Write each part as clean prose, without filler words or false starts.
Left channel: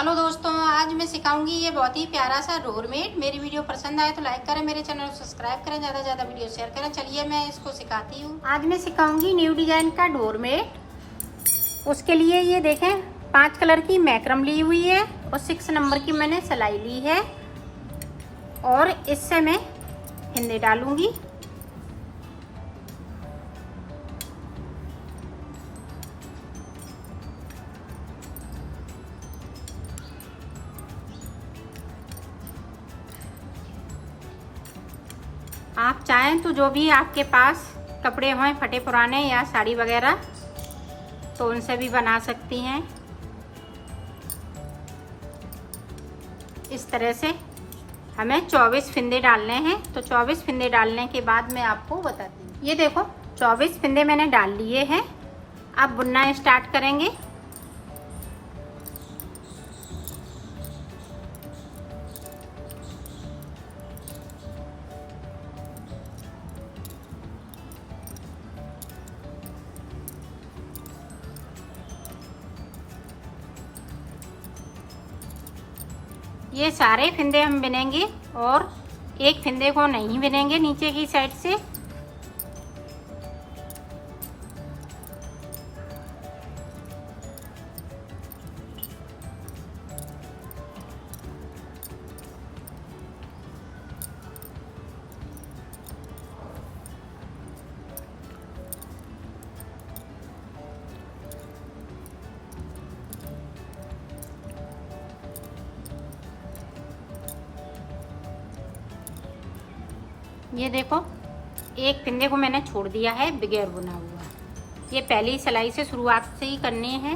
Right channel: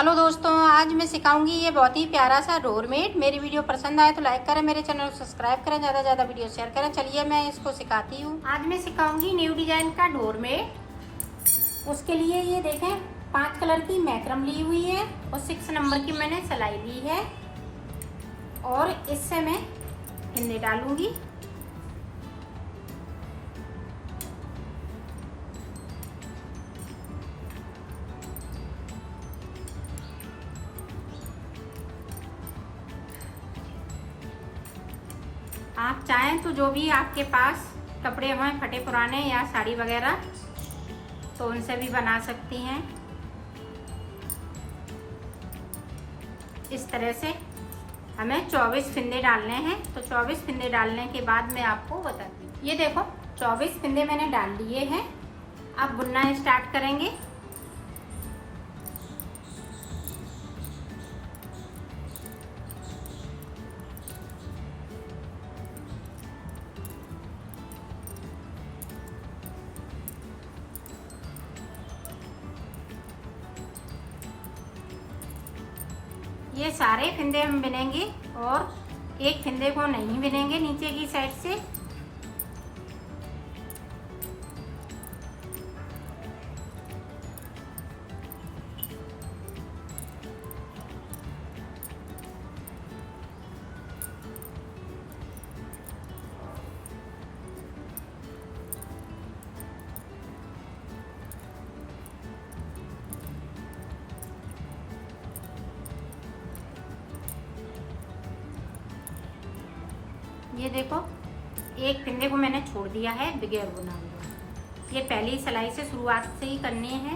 Hello दोस्तों, आज मैं सिखाऊंगी ये बहुत ही प्यारा सा डोरमेट। मेरी वीडियो पसंद आए तो लाइक करें, मेरे चैनल को सब्सक्राइब करें, ज़्यादा से ज़्यादा वीडियो शेयर करें। चलिए मैं इसको सिखाती हूँ। आज मैं सिखाऊंगी न्यू डिजाइन का डोरमेट। उसके लिए ये देखें 5 कलर की मैक्रम ली हुई है और 6 नंबर की मैंने सिलाई ली है और इससे मैं हिंदे डालूंगी। आप चाहें तो जो भी आपके पास कपड़े हों फटे पुराने या साड़ी वगैरह तो उनसे भी बना सकती हैं। इस तरह से हमें 24 फिंदे डालने हैं। तो 24 फिंदे डालने के बाद मैं आपको बताती हूँ। ये देखो 24 फिंदे मैंने डाल लिए हैं। अब बुनना स्टार्ट करेंगे। ये सारे फिंदे हम बिनेंगे और एक फिंदे को नहीं बिनेंगे नीचे की साइड से। ये देखो एक फिंदे को मैंने छोड़ दिया है बगैर बुना हुआ। ये पहली सिलाई से शुरुआत से ही करनी है।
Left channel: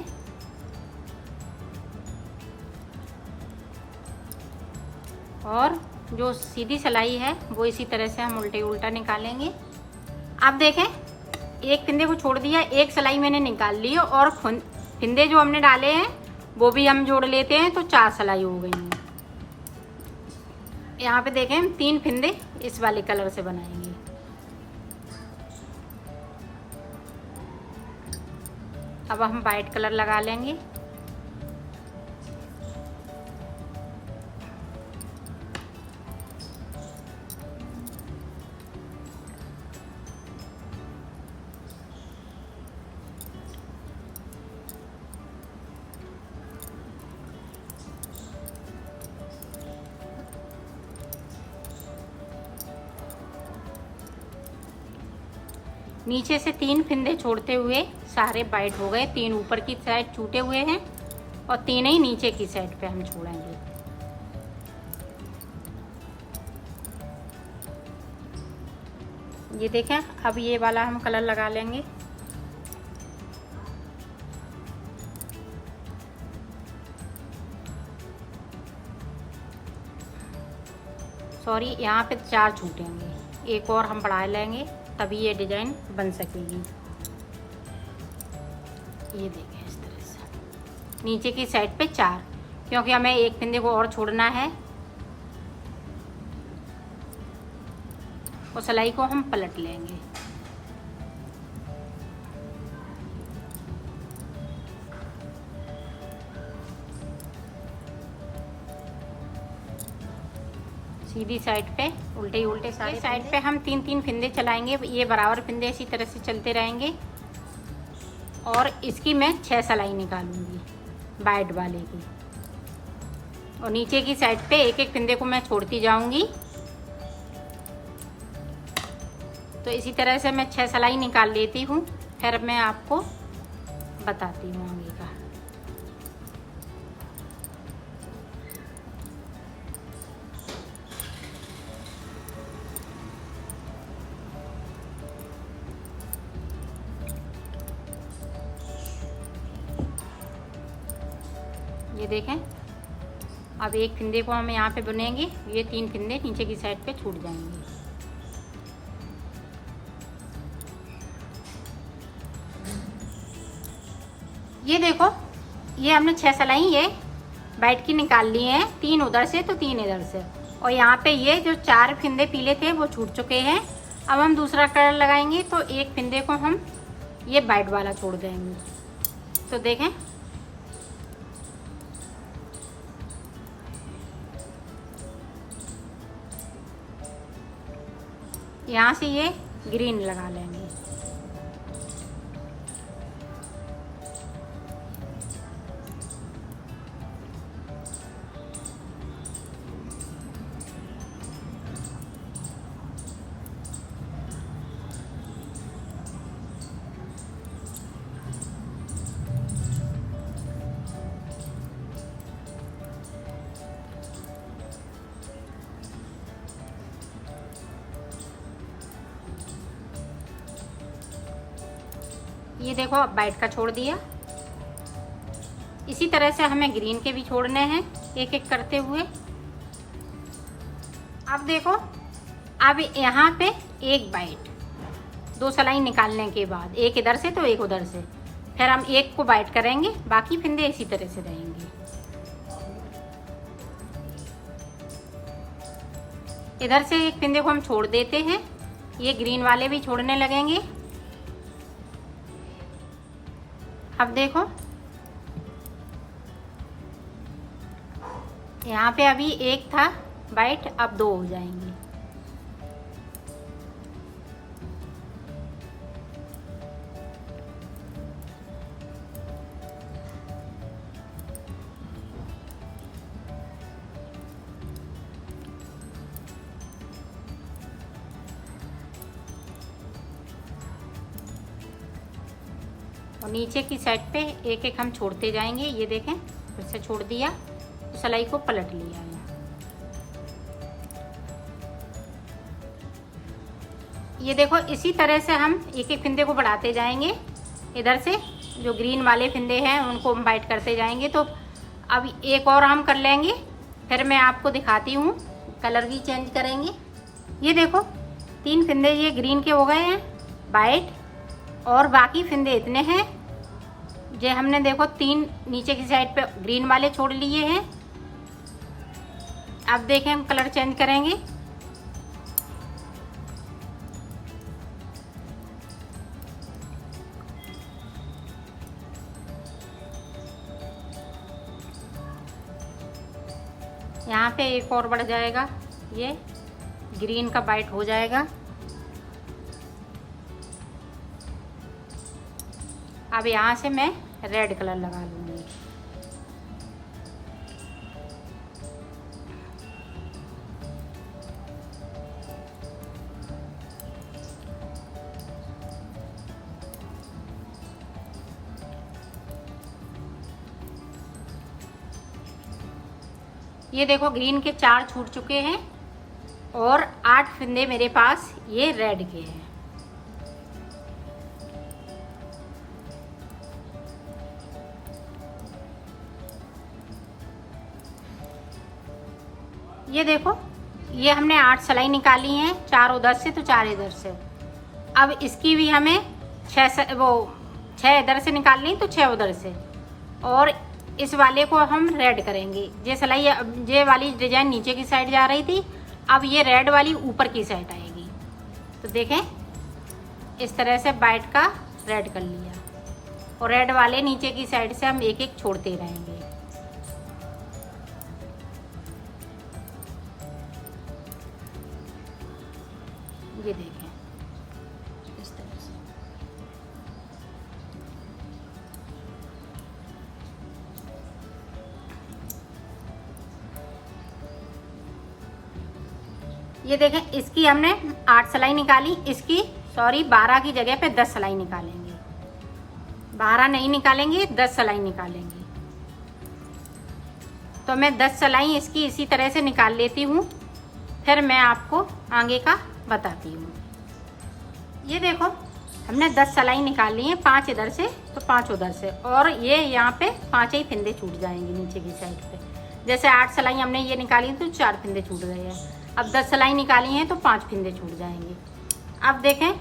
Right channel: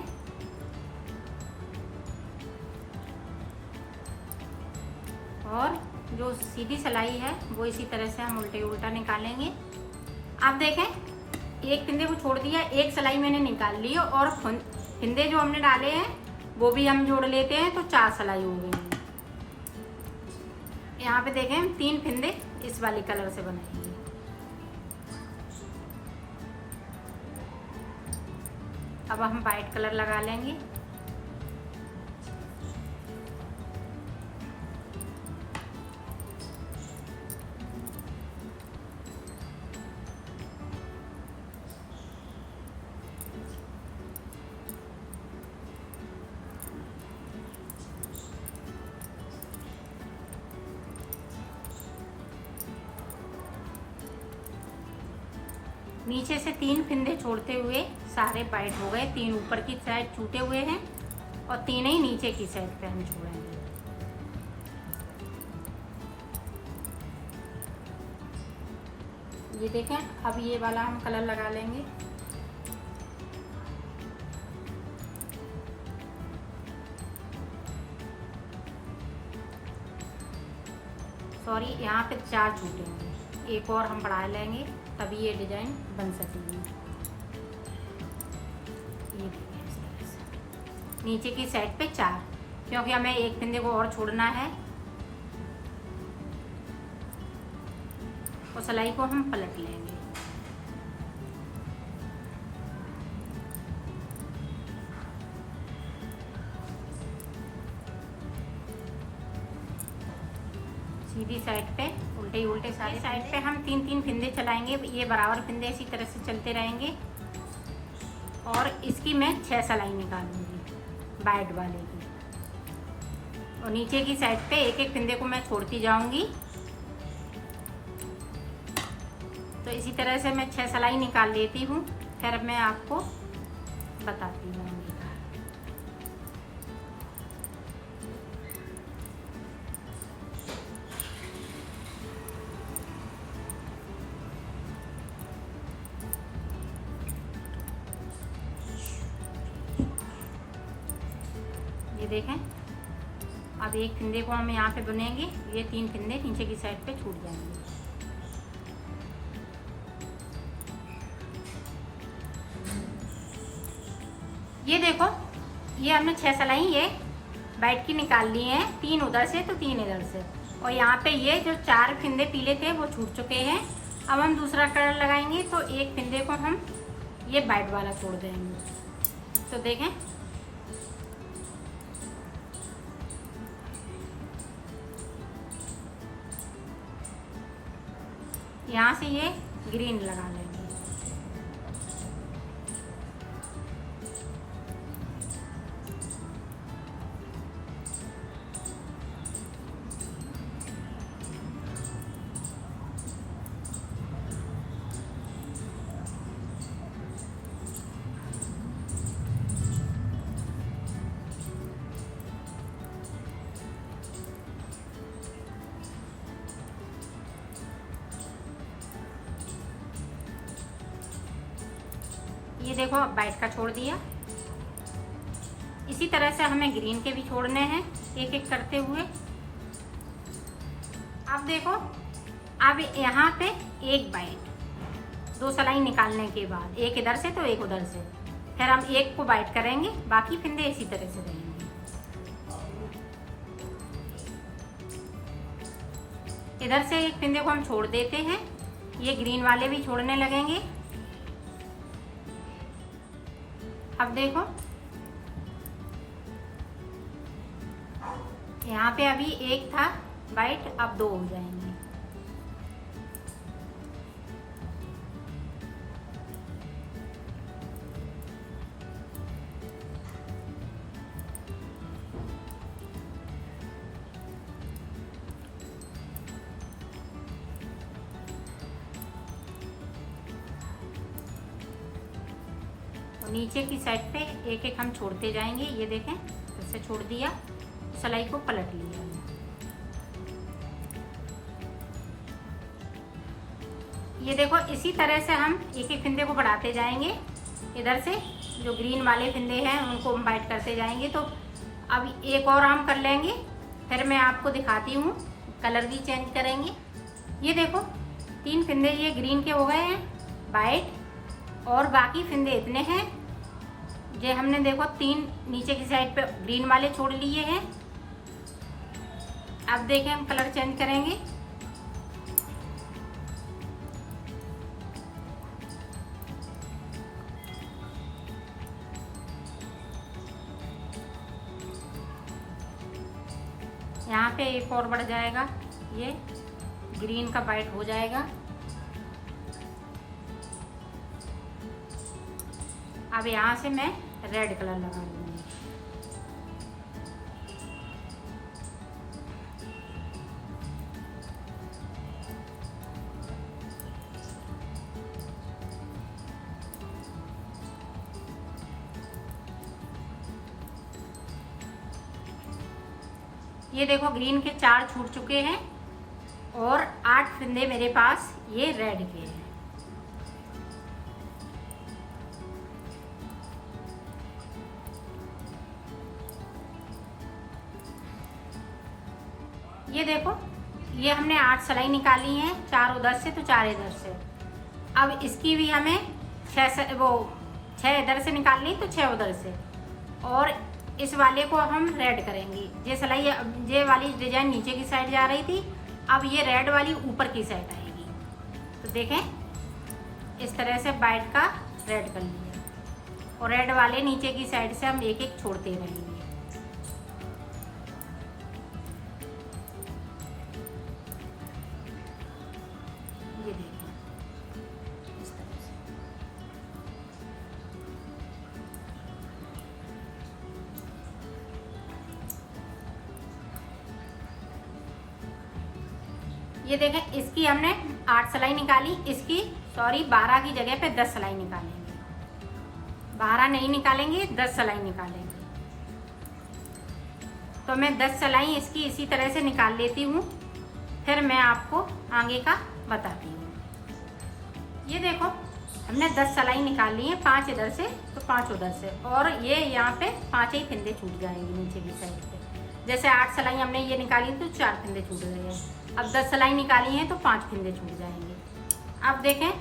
और जो सीधी सिलाई है वो इसी तरह से हम उल्टे उल्टा निकालेंगे। आप देखें एक फिंदे को छोड़ दिया, एक सिलाई मैंने निकाल ली और फिंदे जो हमने डाले हैं वो भी हम जोड़ लेते हैं तो 4 सिलाई हो गई हैं। यहाँ पे देखें हम 3 फिंदे इस वाले कलर से बनाएंगे। अब हम वाइट कलर लगा लेंगे। नीचे से 3 फिंदे छोड़ते हुए सारे वाइट हो गए। 3 ऊपर की साइड छूटे हुए हैं और 3 ही नीचे की साइड पे हम छोड़ेंगे। ये देखें अब ये वाला हम कलर लगा लेंगे। सॉरी, यहाँ पे 4 छूटेंगे, एक और हम बढ़ा लेंगे तभी ये डिजाइन बन सकेगी। ये देखिए इस तरह से नीचे की साइड पे 4, क्योंकि हमें एक फिंदे को और छोड़ना है। और सिलाई को हम पलट लेंगे। सीधी साइड पे उल्टे ही उल्टे सारे साइड पे हम 3-3 फिंदे चलाएंगे। ये बराबर फिंदे इसी तरह से चलते रहेंगे और इसकी मैं 6 सिलाई निकालूंगी वाइट वाले की। और नीचे की साइड पे एक एक फिंदे को मैं छोड़ती जाऊंगी। तो इसी तरह से मैं 6 सिलाई निकाल लेती हूँ। फिर मैं आपको बताती हूँ आगे का। ये देखें अब एक फिंदे को हम यहाँ पे बुनेंगे। ये 3 फिंदे नीचे की साइड पे छूट जाएंगे। ये देखो ये हमने 6 सिलाई ये वाइट की निकाल ली हैं। 3 उधर से तो 3 इधर से। और यहाँ पे ये जो 4 फिंदे पीले थे वो छूट चुके हैं। अब हम दूसरा कलर लगाएंगे तो एक फिंदे को हम ये वाइट वाला छोड़ देंगे। तो देखें यहाँ से ये ग्रीन लगा लेंगे। ये देखो अब वाइट का छोड़ दिया। इसी तरह से हमें ग्रीन के भी छोड़ने हैं एक एक करते हुए। अब देखो, अब यहाँ पे एक वाइट, 2 सिलाई निकालने के बाद एक इधर से तो एक उधर से, फिर हम एक को वाइट करेंगे, बाकी फिंदे इसी तरह से रहेंगे। इधर से एक फिंदे को हम छोड़ देते हैं, ये ग्रीन वाले भी छोड़ने लगेंगे। अब देखो यहाँ पे अभी एक था वाइट, अब 2 हो जाएंगे। और नीचे की साइड पे एक एक हम छोड़ते जाएंगे। ये देखें, इससे छोड़ दिया तो सिलाई को पलट लिया है। ये देखो, इसी तरह से हम एक एक फिंदे को बढ़ाते जाएंगे। इधर से जो ग्रीन वाले फिंदे हैं उनको हम वाइट करते जाएंगे। तो अब एक और हम कर लेंगे, फिर मैं आपको दिखाती हूँ, कलर भी चेंज करेंगे। ये देखो 3 फिंदे ये ग्रीन के हो गए हैं वाइट, और बाकी फिंदे इतने हैं। ये हमने देखो 3 नीचे की साइड पे ग्रीन वाले छोड़ लिए हैं। अब देखें हम कलर चेंज करेंगे। यहाँ पे एक और बढ़ जाएगा, ये ग्रीन का वाइट हो जाएगा। अब यहाँ से मैं रेड कलर लगा लूँगी। ये देखो ग्रीन के 4 छूट चुके हैं और 8 फिंदे मेरे पास ये रेड के हैं। ये देखो, ये हमने 8 सिलाई निकाली हैं, 4 उधर से तो 4 इधर से। अब इसकी भी हमें 6 इधर से निकालनी, तो 6 उधर से। और इस वाले को हम रेड करेंगे। ये सिलाई, ये वाली डिजाइन नीचे की साइड जा रही थी, अब ये रेड वाली ऊपर की साइड आएगी। तो देखें, इस तरह से वाइट का रेड कर लिया, और रेड वाले नीचे की साइड से हम एक एक छोड़ते रहेंगे। ये देखें इस तरह से। ये देखें, इसकी हमने 8 सिलाई निकाली, इसकी 12 की जगह पे 10 सिलाई निकालेंगे। 12 नहीं निकालेंगे, 10 सिलाई निकालेंगे। तो मैं 10 सिलाई इसकी इसी तरह से निकाल लेती हूँ, फिर मैं आपको आगे का बताती हूँ। ये देखो, हमने 10 सिलाई निकाल ली है, 5 इधर से तो 5 उधर से, और ये यहाँ पे 5 ही फिंदे छूट जाएंगे नीचे की साइड पे। जैसे 8 सिलाई हमने ये निकाली तो 4 फिंदे छूट गए हैं। अब 10 सिलाई निकाली हैं तो 5 फिंदे छूट जाएंगे। अब देखें,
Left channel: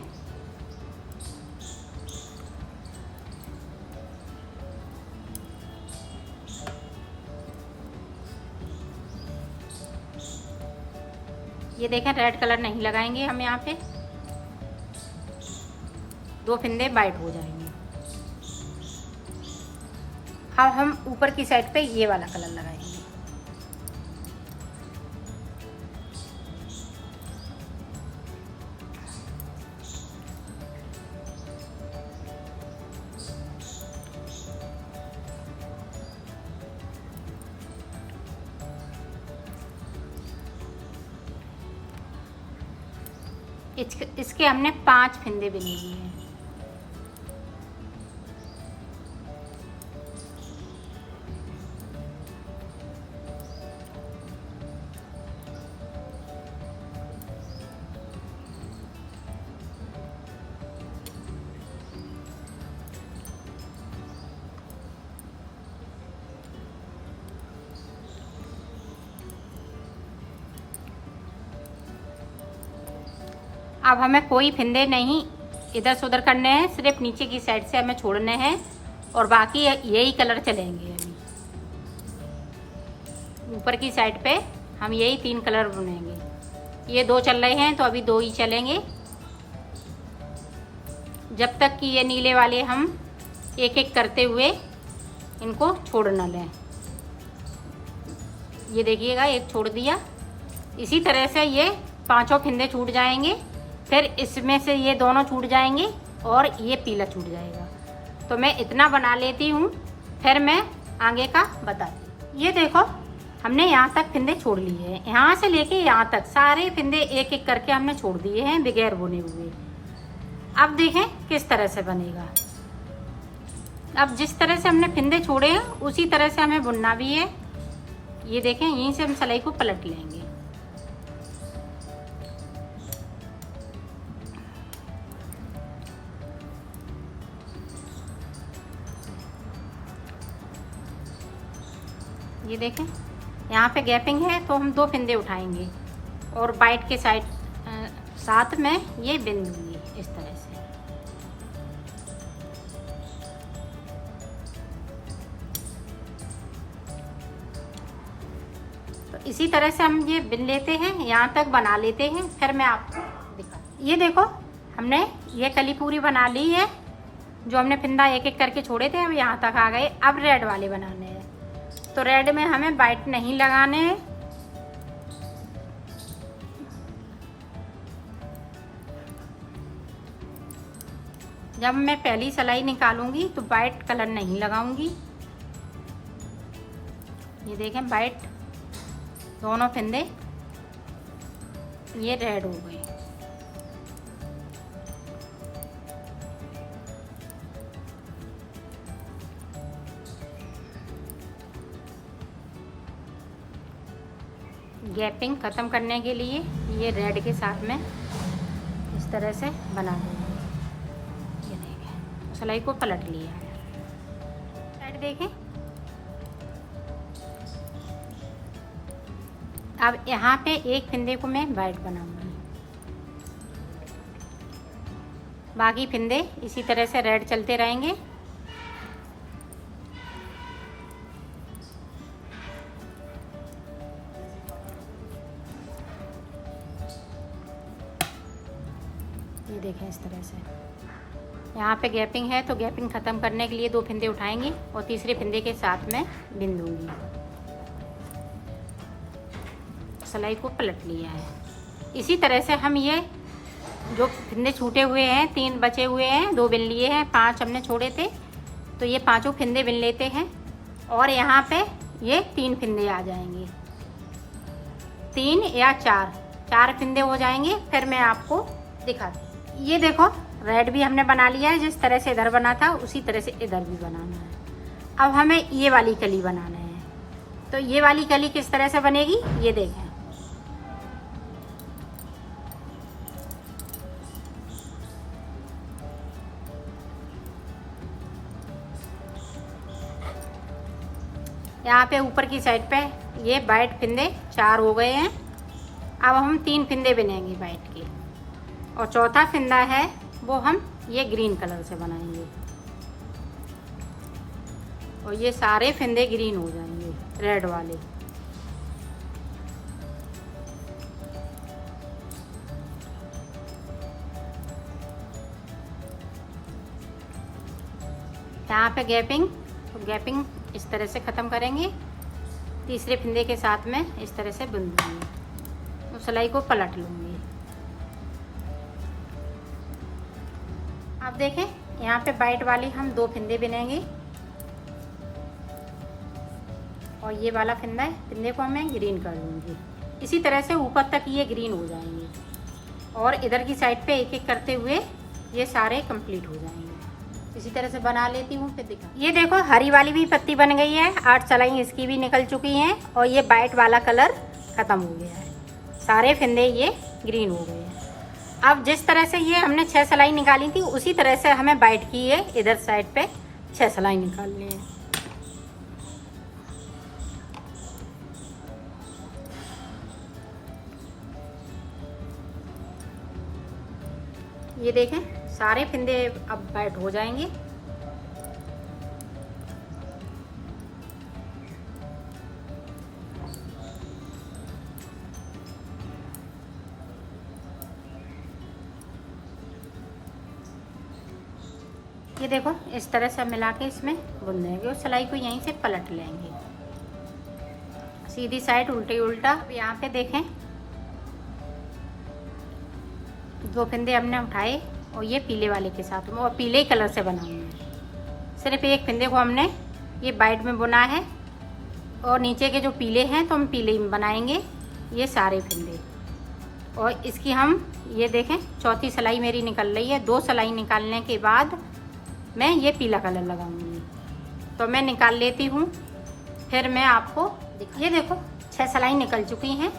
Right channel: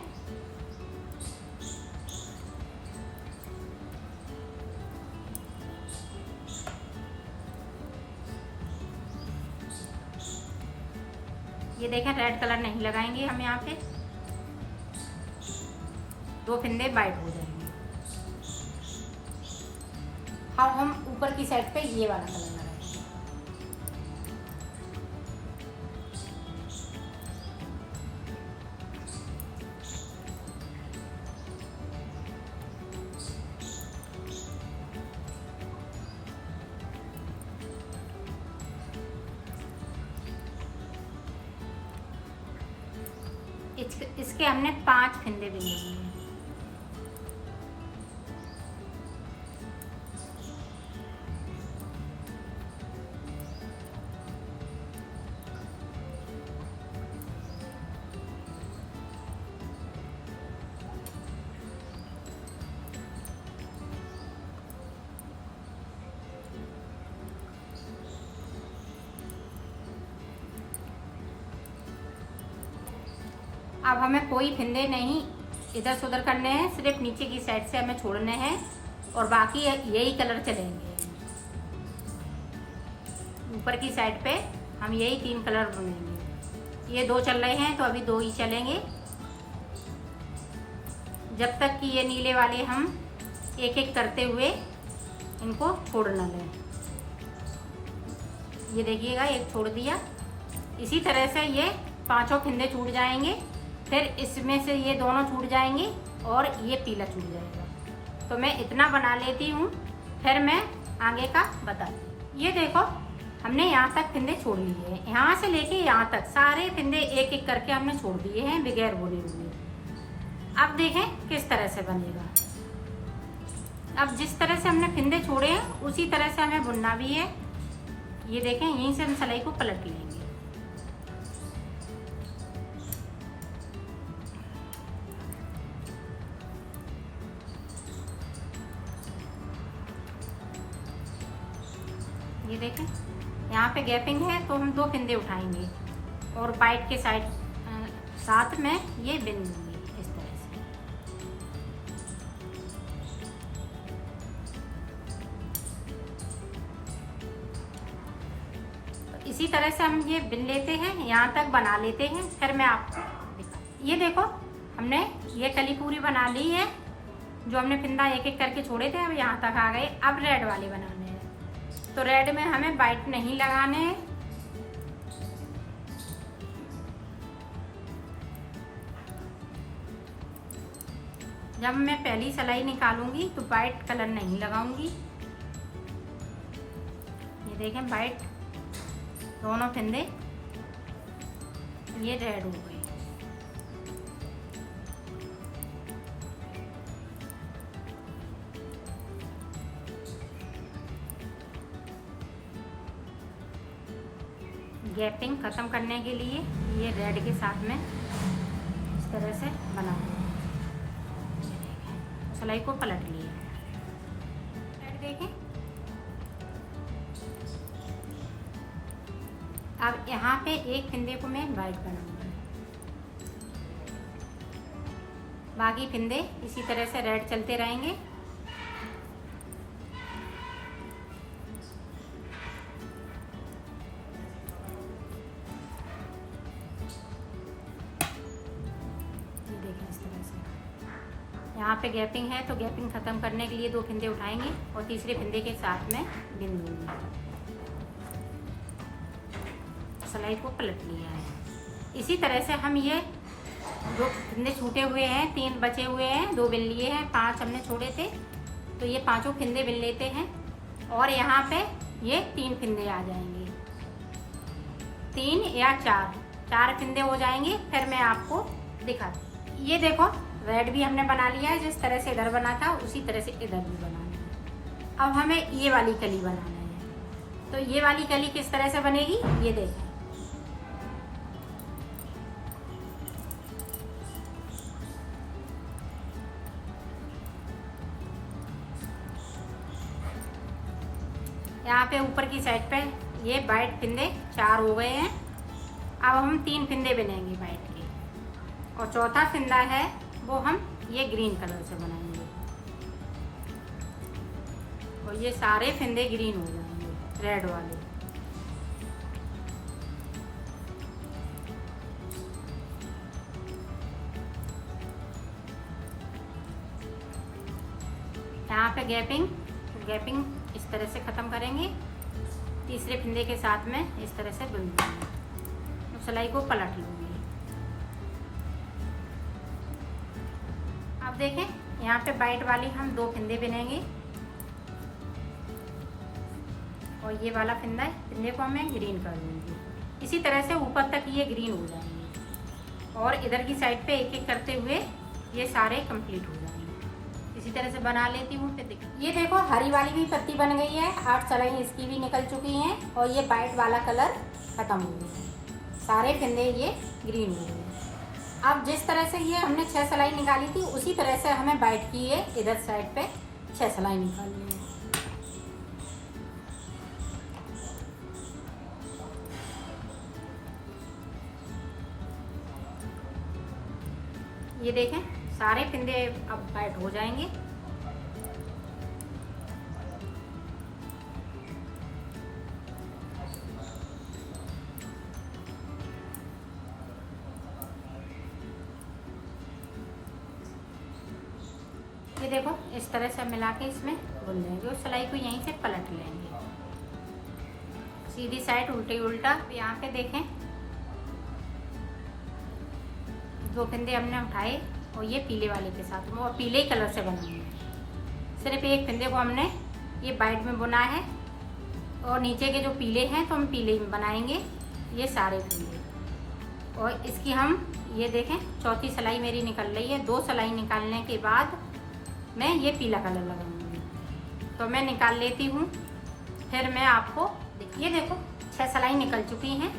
ये देखें रेड कलर नहीं लगाएंगे हम, यहाँ पे 2 फिंदे वाइट हो जाएंगे। अब हम ऊपर की साइड पे ये वाला कलर लगाएंगे। इसके हमने 5 फंदे बुने लिए हैं। अब हमें कोई फंदे नहीं इधर से उधर करने हैं, सिर्फ नीचे की साइड से हमें छोड़ने हैं और बाकी यही कलर चलेंगे। ऊपर की साइड पे हम यही 3 कलर बुनेंगे। ये 2 चल रहे हैं तो अभी 2 ही चलेंगे, जब तक कि ये नीले वाले हम एक एक करते हुए इनको छोड़ न लें। ये देखिएगा, एक छोड़ दिया। इसी तरह से ये 5 फंदे छूट जाएंगे, फिर इसमें से ये दोनों छूट जाएंगे और ये पीला छूट जाएगा। तो मैं इतना बना लेती हूँ, फिर मैं आगे का बताती। ये देखो, हमने यहाँ तक फंदे छोड़ लिए हैं। यहाँ से लेके यहाँ तक सारे फंदे एक एक करके हमने छोड़ दिए हैं बगैर बुने हुए। अब देखें किस तरह से बनेगा। अब जिस तरह से हमने फंदे छोड़े हैं उसी तरह से हमें बुनना भी है। ये देखें, यहीं से हम सिलाई को पलट लेंगे। ये देखें, यहाँ पे गैपिंग है तो हम 2 फंदे उठाएंगे और बाइट के साथ में ये बिन देंगे इस तरह से। तो इसी तरह से हम ये बिन लेते हैं, यहाँ तक बना लेते हैं, फिर मैं आपको दिखा। ये देखो, हमने ये कली पूरी बना ली है। जो हमने फंदा एक एक करके छोड़े थे अब यहाँ तक आ गए। अब रेड वाले बनाने हैं, तो रेड में हमें बाइट नहीं लगाने हैं। जब मैं पहली सिलाई निकालूंगी तो बाइट कलर नहीं लगाऊंगी। ये देखें, बाइट दोनों फंदे ये रेड हो गए। गैपिंग ख़त्म करने के लिए ये रेड के साथ में इस तरह से बना देंगे। सिलाई को पलट लिया है। साइड देखें, अब यहाँ पे एक फंदे को मैं वाइट बनाऊंगी, बाकी फंदे इसी तरह से रेड चलते रहेंगे। ये देखें, इस तरह से यहाँ पे गैपिंग है तो गैपिंग ख़त्म करने के लिए 2 फंदे उठाएंगे और तीसरे फंदे के साथ में बिन दूंगी। सिलाई को पलट लिया है। इसी तरह से हम ये जो फंदे छूटे हुए हैं, 3 बचे हुए हैं, 2 बिन लिए हैं, 5 हमने छोड़े थे, तो ये 5 फंदे बिन लेते हैं और यहाँ पे ये 3 फंदे आ जाएंगे। 3 या 4 फंदे हो जाएंगे, फिर मैं आपको दिखाती हूँ। ये देखो, रेड भी हमने बना लिया है। जिस तरह से इधर बना था उसी तरह से इधर भी बनाना है। अब हमें ये वाली कली बनाना है। तो ये वाली कली किस तरह से बनेगी ये देखें। यहाँ पे ऊपर की साइड पे ये वाइट फंदे 4 हो गए हैं। अब हम 3 फंदे बिनेंगे वाइट के और चौथा फंदा है वो हम ये ग्रीन कलर से बनाएंगे और ये सारे फंदे ग्रीन हो जाएंगे रेड वाले। यहाँ पे गैपिंग इस तरह से ख़त्म करेंगे। तीसरे फंदे के साथ में इस तरह से बुन लूँगी और सिलाई को पलट लूँगी। आप देखें, यहाँ पे वाइट वाली हम 2 फंदे बिनेंगे और ये वाला फंदे को मैं ग्रीन कर दूँगी। इसी तरह से ऊपर तक ये ग्रीन हो जाएंगे। और इधर की साइड पे एक एक करते हुए ये सारे कंप्लीट हो जाएंगे। इसी तरह से बना लेती हूँ फिर दिखा। ये देखो हरी वाली भी पत्ती बन गई है, 8 सलाई इसकी भी निकल चुकी हैं और ये वाइट वाला कलर ख़त्म हो गया है, सारे फिंदे ये ग्रीन हो गए हैं। अब जिस तरह से ये हमने 6 सलाई निकाली थी उसी तरह से हमें वाइट की ये इधर साइड पे 6 सलाई निकालनी है। ये देखें सारे फिंदे अब वाइट हो जाएंगे। ये देखो इस तरह से मिला के इसमें बुन देंगे और सिलाई को यहीं से पलट लेंगे, सीधी साइड उल्टे उल्टा। यहाँ पे देखें 2 फिंदे हमने उठाए और ये पीले वाले के साथ में और पीले कलर से बनाएंगे। सिर्फ एक फिंदे को हमने ये वाइट में बुना है और नीचे के जो पीले हैं तो हम पीले में बनाएंगे ये सारे फिंदे। और इसकी हम ये देखें चौथी सिलाई मेरी निकल रही है। 2 सिलाई निकालने के बाद मैं ये पीला कलर लगाऊंगी, तो मैं निकाल लेती हूँ, फिर मैं आपको ये देखो 6 सिलाई निकल चुकी हैं।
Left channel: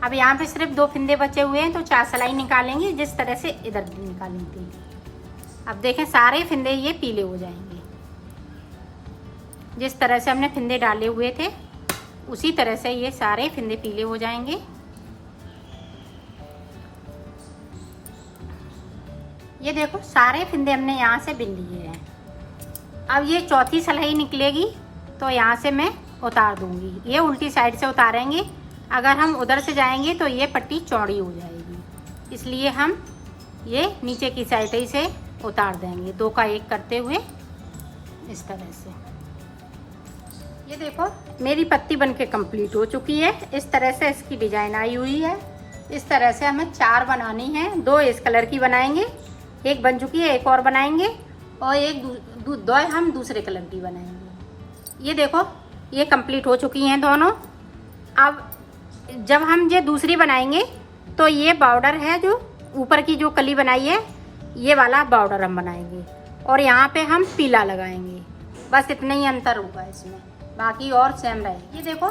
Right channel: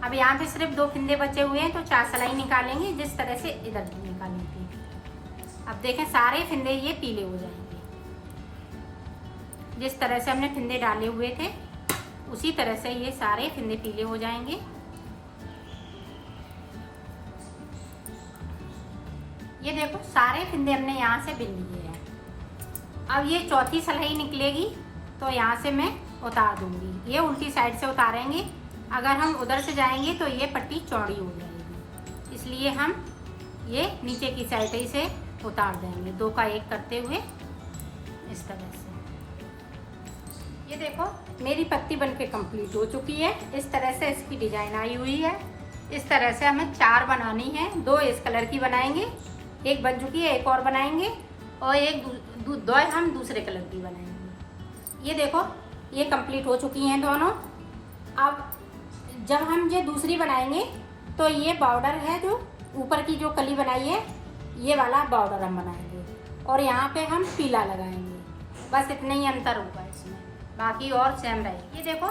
अब यहाँ पे सिर्फ 2 फिंदे बचे हुए हैं तो 4 सिलाई निकालेंगे जिस तरह से इधर निकाली थी। अब देखें सारे फिंदे ये पीले हो जाएंगे, जिस तरह से हमने फिंदे डाले हुए थे उसी तरह से ये सारे फिंदे पीले हो जाएंगे। ये देखो सारे फिंदे हमने यहाँ से बिन लिए हैं। अब ये चौथी सिलाई निकलेगी तो यहाँ से मैं उतार दूंगी, ये उल्टी साइड से उतारेंगे। अगर हम उधर से जाएंगे तो ये पट्टी चौड़ी हो जाएगी, इसलिए हम ये नीचे की साइड ही से उतार देंगे, 2 का 1 करते हुए इस तरह से। ये देखो मेरी पत्ती बनके कंप्लीट हो चुकी है। इस तरह से इसकी डिजाइन आई हुई है। इस तरह से हमें 4 बनानी है, 2 इस कलर की बनाएंगे, एक बन चुकी है, एक और बनाएंगे और एक 2 हम दूसरे कलर की बनाएंगे। ये देखो ये कंप्लीट हो चुकी हैं दोनों। अब जब हम ये दूसरी बनाएंगे तो ये बॉर्डर है जो ऊपर की जो कली बनाई है ये वाला बॉर्डर हम बनाएंगे और यहाँ पे हम पीला लगाएंगे। बस इतना ही अंतर होगा इसमें, बाकी और सेम रहेगी। ये देखो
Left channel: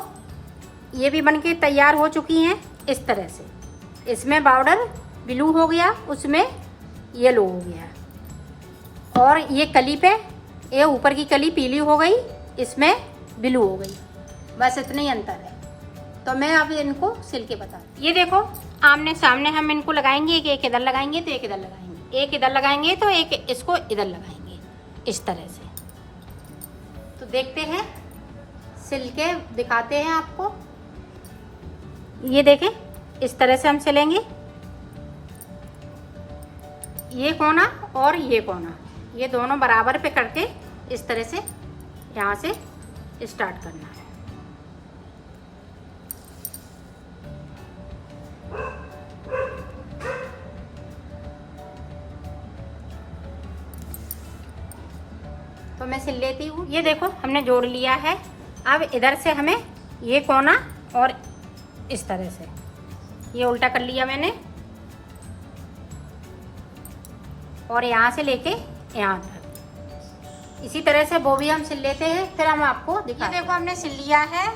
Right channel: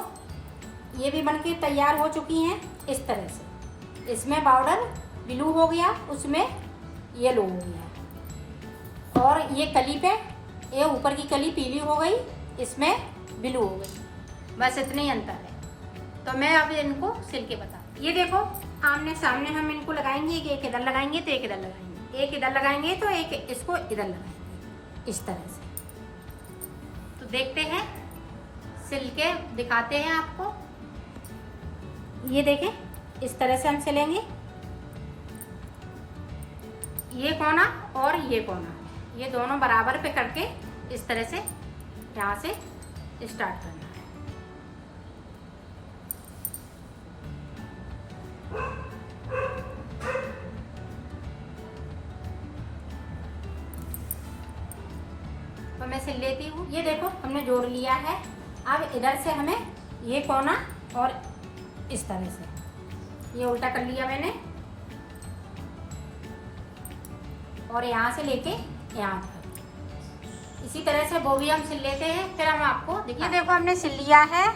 ये भी बनके तैयार हो चुकी हैं इस तरह से। इसमें बॉर्डर ब्लू हो गया, उसमें येलो हो गया और ये कली पे ये ऊपर की कली पीली हो गई, इसमें ब्लू हो गई। बस इतना ही अंतर है। तो मैं अब इनको सिल के बता। ये देखो आमने सामने हम इनको लगाएंगे, एक इधर लगाएंगे तो एक इधर लगाएंगे, एक इधर लगाएंगे तो एक इसको इधर लगाएंगे, इस तरह से। तो देखते हैं, सिल के दिखाते हैं आपको। ये देखें इस तरह से हम सिलेंगे, ये कोना और ये कोना, ये दोनों बराबर पे करके इस तरह से यहाँ से स्टार्ट करना है। तो मैं सिल लेती हूँ। ये देखो हमने जोड़ लिया है। अब इधर से हमें ये कोना और इस तरह से ये उल्टा कर लिया मैंने और यहाँ से लेके यहाँ तक इसी तरह से वो भी हम सिल लेते हैं, फिर हम आपको दिखाते हैं। ये देखो हमने सिल लिया है।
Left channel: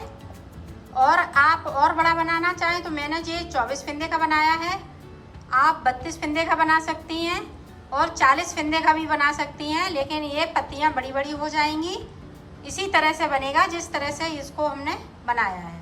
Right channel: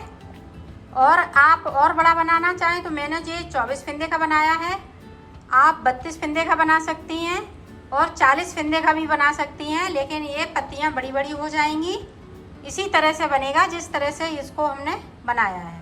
और आप और बड़ा बनाना चाहें तो मैंने ये 24 फिंदे का बनाया है, आप 32 फिंदे का बना सकती हैं और 40 फिंदे का भी बना सकती हैं, लेकिन ये पत्तियाँ बड़ी बड़ी हो जाएंगी। इसी तरह से बनेगा जिस तरह से इसको हमने बनाया है।